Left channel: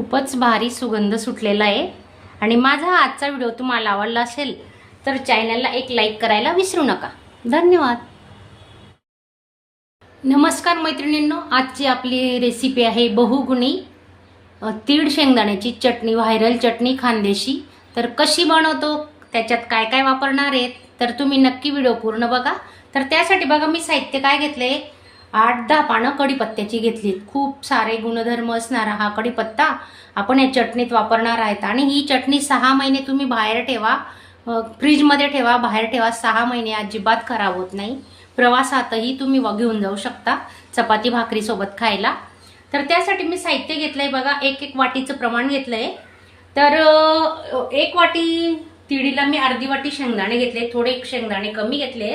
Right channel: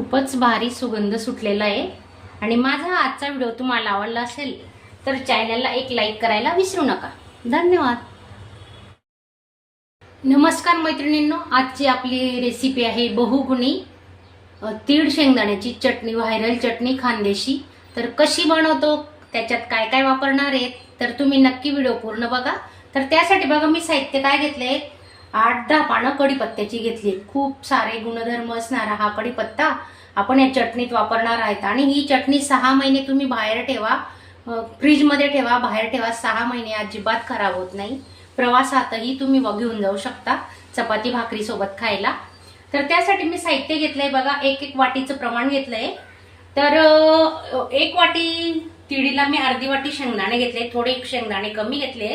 खूपच भारी सुगंध सुटलेला आहे आणि माझा आजचा व्हिडिओ तुम्हाला आवडला असेल तर चॅनलला एक लाईक करायला विसरू नका। धन्यवाद। नमस्कार मैत्रिणींनो, आजची आपली रेसिपी आहे बहुगुणी तीळ शेंगदाण्याची चटणी, व्हायरल चटणी खानदेशी। तर कशी बनवतो, त्याच्यात काय काय वापरणार आहेत तर तुम्ही नक्की व्हिडिओ पूर्ण बघा। तर त्यासाठी बघा मी साहित्य काय घेतले, 8-10 पानं कढीपत्त्याची घेतली। खूप सारे गुणधर्म असणारा हा कढीपत्ता आपण या चटणीत वापरणार आहेत आणि ही चटणी 6 महिने तुम्ही बाहेर ठेवा, फ्रीज मध्ये ठेवा, बाहेर ठेवा, 6 महिने अजिबात खराब होत नाही। प्रवासातही तुम्ही घेऊन जाऊ शकता चपाती भाकरी सोबत खायला। तर त्यासाठी मी साहित्य घेतलंय बघा, एक वाटीचं प्रमाण घेतलंय। तर 1 वाटी तिळीला मी अर्धी वाटी शेंगदाणे घेतले, थोडे शेंगदाणे कमी घेतले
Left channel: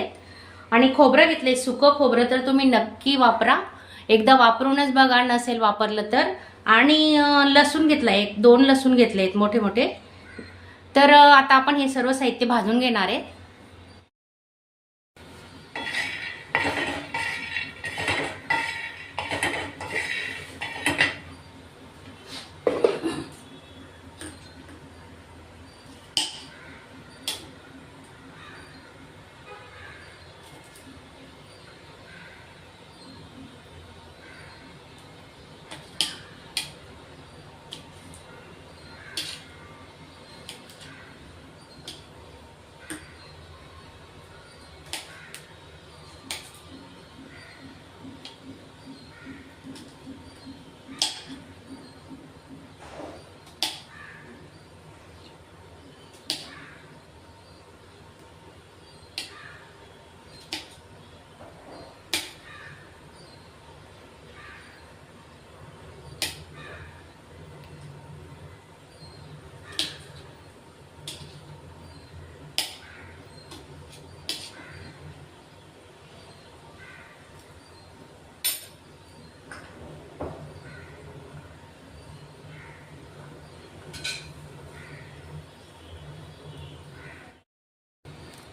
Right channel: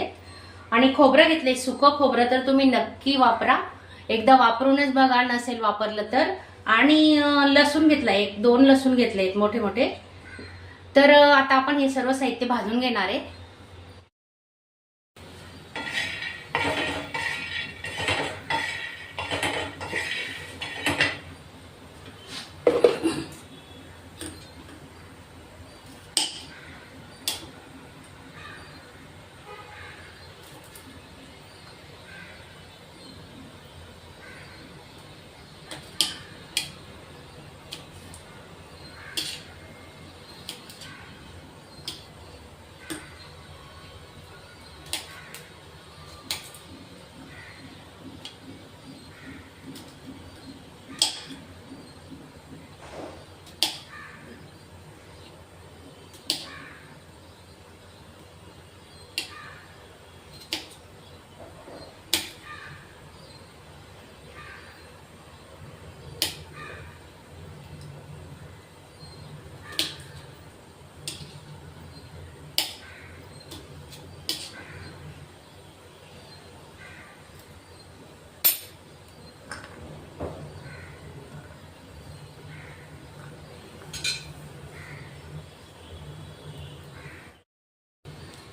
आणि खोबरं घेतले, सुकं खोबरं तर तुम्ही नक्की वापरा, एकदा वापरूनच बघा, नसेल वापरलं तर। आणि लसूण घेतलाय, 2 लसूण घेतलेत मोठे मोठे। तर आता आपण हे सर्व साहित्य भाजून घेणार आहे।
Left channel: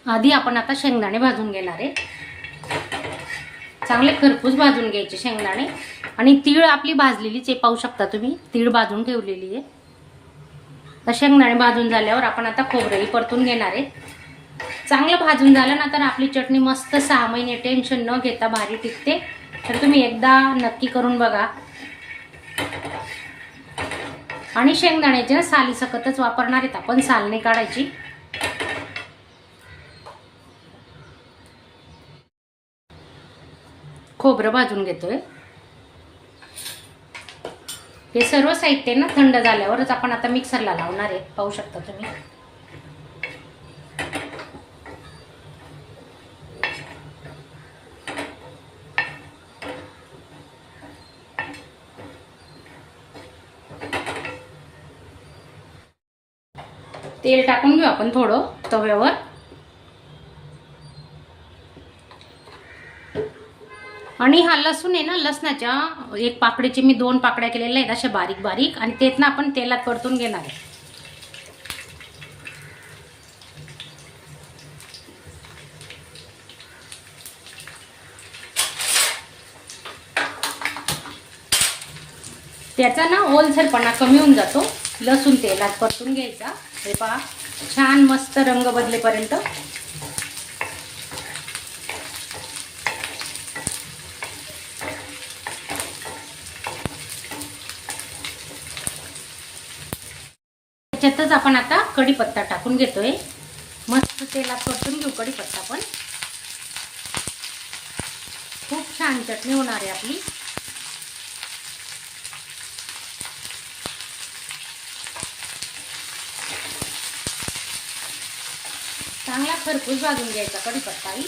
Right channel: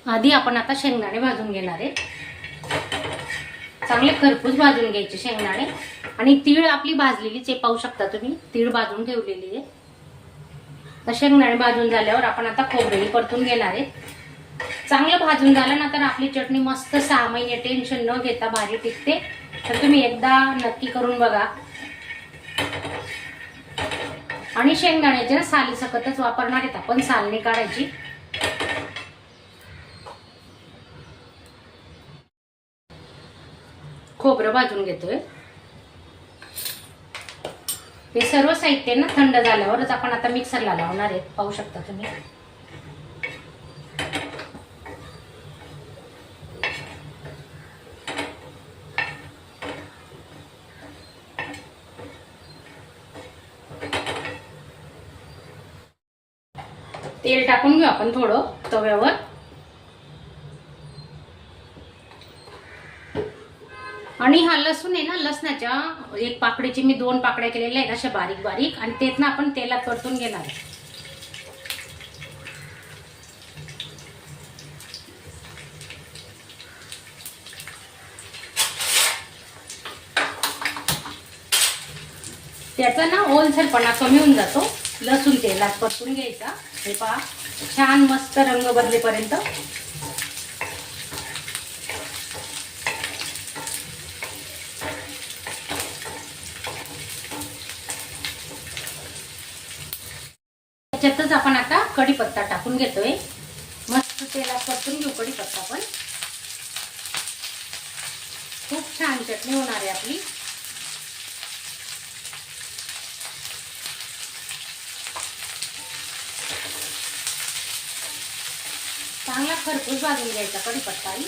आधी आपण आता शेंगदाणे भाजून घेणार आहे, चांगले खरपूस भाजून घ्यायचे शेंगदाणे। आणि तीळ आपली भाजलेलीच आहे, पाहू शकता तुम्ही, तीळ भाजून ठेवलेली आहे। तर शेंगदाणे भाजून झाल्यावर आपण आता खोबरंही परतून घेणार आहे। चांगलं भाजून झालं ना तर आपली चटणी मस्त 6 महिने टेन्शन न घेता भारी टिकते। तर तुम्ही एकदा नक्की करून बघा। आणि शेंगदाण्याचे साली सकतच वापरणार आहेत आपण, साल नाही काढायची। खोबरं भाजून घेतोय। हे सर्व साहित्य ना थंड झाल्यावरच आपण आता मिक्सरला लावणार आहे, पाहू शकता तुम्ही। तेल टाकून घेऊ आपण थोडं तव्यावर। आणि हा लसूण आहे ना, लसणाच्या 1 पाकळीचे मी 2 पाकळ्या केलेल्या आहेत अशा बारीक बारीक, आणि तेच आपण तेलात परतून घेणार आहे। त्याचा ना ओलसरपणा कमी होऊन जातो, लसूण तेलात परतून घ्यायचा। हे पहा, छान मस्त रंग बदलेपर्यंत। त्याच्यातच आपण आता कढीपत्ता टाकून घेतोय, मस्त तेलात परतून घेऊ कढीपत्ता पण। खूप छान चटणी होणार आहे आपली। चांगला खरपूस भाजून घ्यायचा कढीपत्ताही।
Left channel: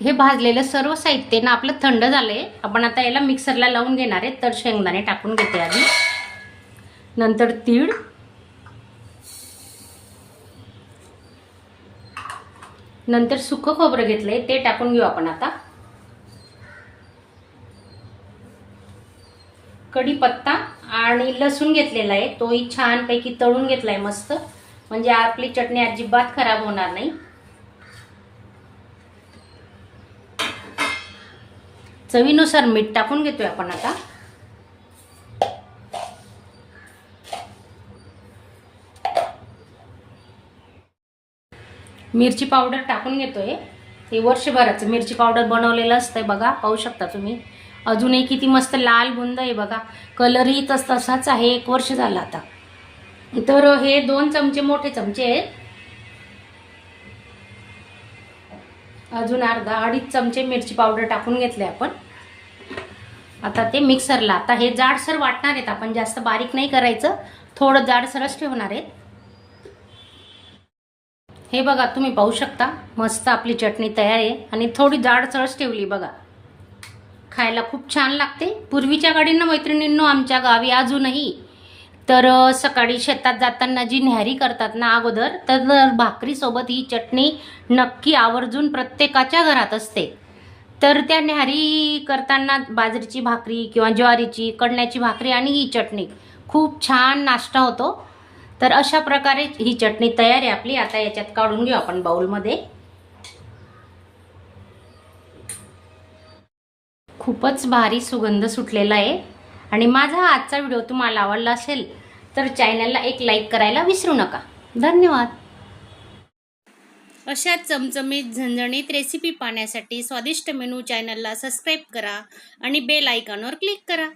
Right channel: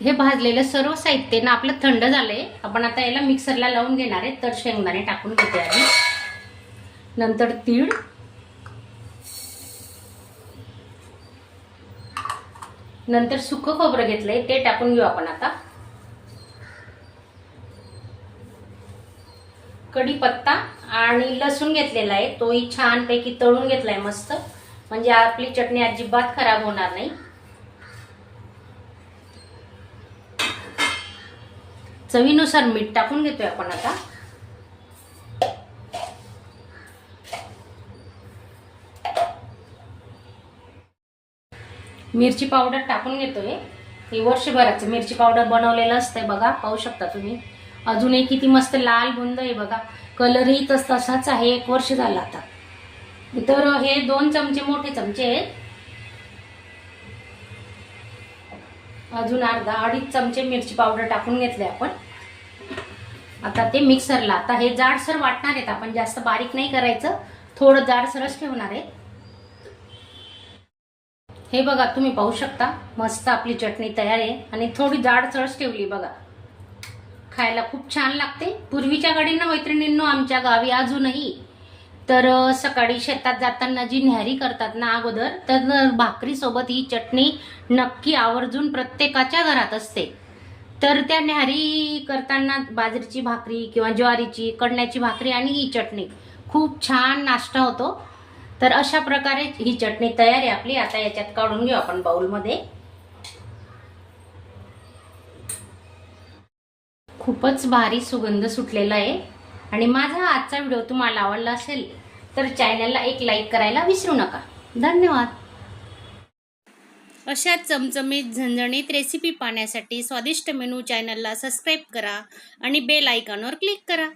हे भाजलेलं सर्व साहित्य ना आपलं थंड झालंय, आपण आता याला मिक्सरला लावून घेणार आहे। तर शेंगदाणे टाकून घेते आधी, नंतर तीळ, नंतर सुकं खोबरं घेतलंय ते टाकून घेऊ आपण आता। कढीपत्ता आणि लसूण घेतलेला आहे, तोही छानपैकी तळून घेतलाय मस्त, म्हणजे आपली चटणी अजिबात खराब होणार नाही। चवीनुसार मीठ टाकून घेतोय आपण आता. मिरची पावडर टाकून घेतोय. हे वर्षभराचं मिरची पावडर बनवलेलं असतंय बघा, पाहू शकता तुम्ही. अजूनही किती मस्त लाल बुंद आहे बघा, कलरही तसाच आहे. 1 वर्ष झालं आता. तर हे 2 चमचे मोठे चमचे आहेत. अजून अर्धा 2.5 चमचे मिरची पावडर टाकून घेतले आपण. आता ते मिक्सरला, आता हे जाडसर वाटणार आहेत आपण, जास्त बारीक नाही करायचं, थोडं जाडसरच ठेवणार आहे. हे बघा तुम्ही पाहू शकता, मस्त आपली चटणी तयार आहे आणि थोडी जाडसरच ठेवली बघा. खायला खूप छान लागते. पूर्वीच्या गाडींना मैत्रिणींनो आमच्या गावी अजूनही तर सकाळी शेतात जाताना जी न्याहारी करतात ना अगोदर, तर भाकरी सोबत ही चटणी नक्की आवर्जून प्रत्येकाच्या घरात असते. तर त्या न्याहारी करताना बाजरीची भाकरी किंवा ज्वारीची, कणण्याची भाकरी आणि ही चटणी खूप छान नाश्ता होतो. तर अशा प्रकारे ही चटणी तयार आहे आपली. आता याच्यात काढून घेऊ आपण बाउलमध्ये. खूपच भारी सुगंध सुटलेला आहे. आणि माझा आजचा व्हिडिओ तुम्हाला आवडला असेल तर चॅनलला एक लाईक करायला विसरू नका. धन्यवाद. अशा चमचमीत झणझणीत रेसिपी पाहण्यासाठी स्वादिष्ट मेनू चॅनलला सबस्क्राईब करा आणि बेल आयकॉनवर क्लिक करा.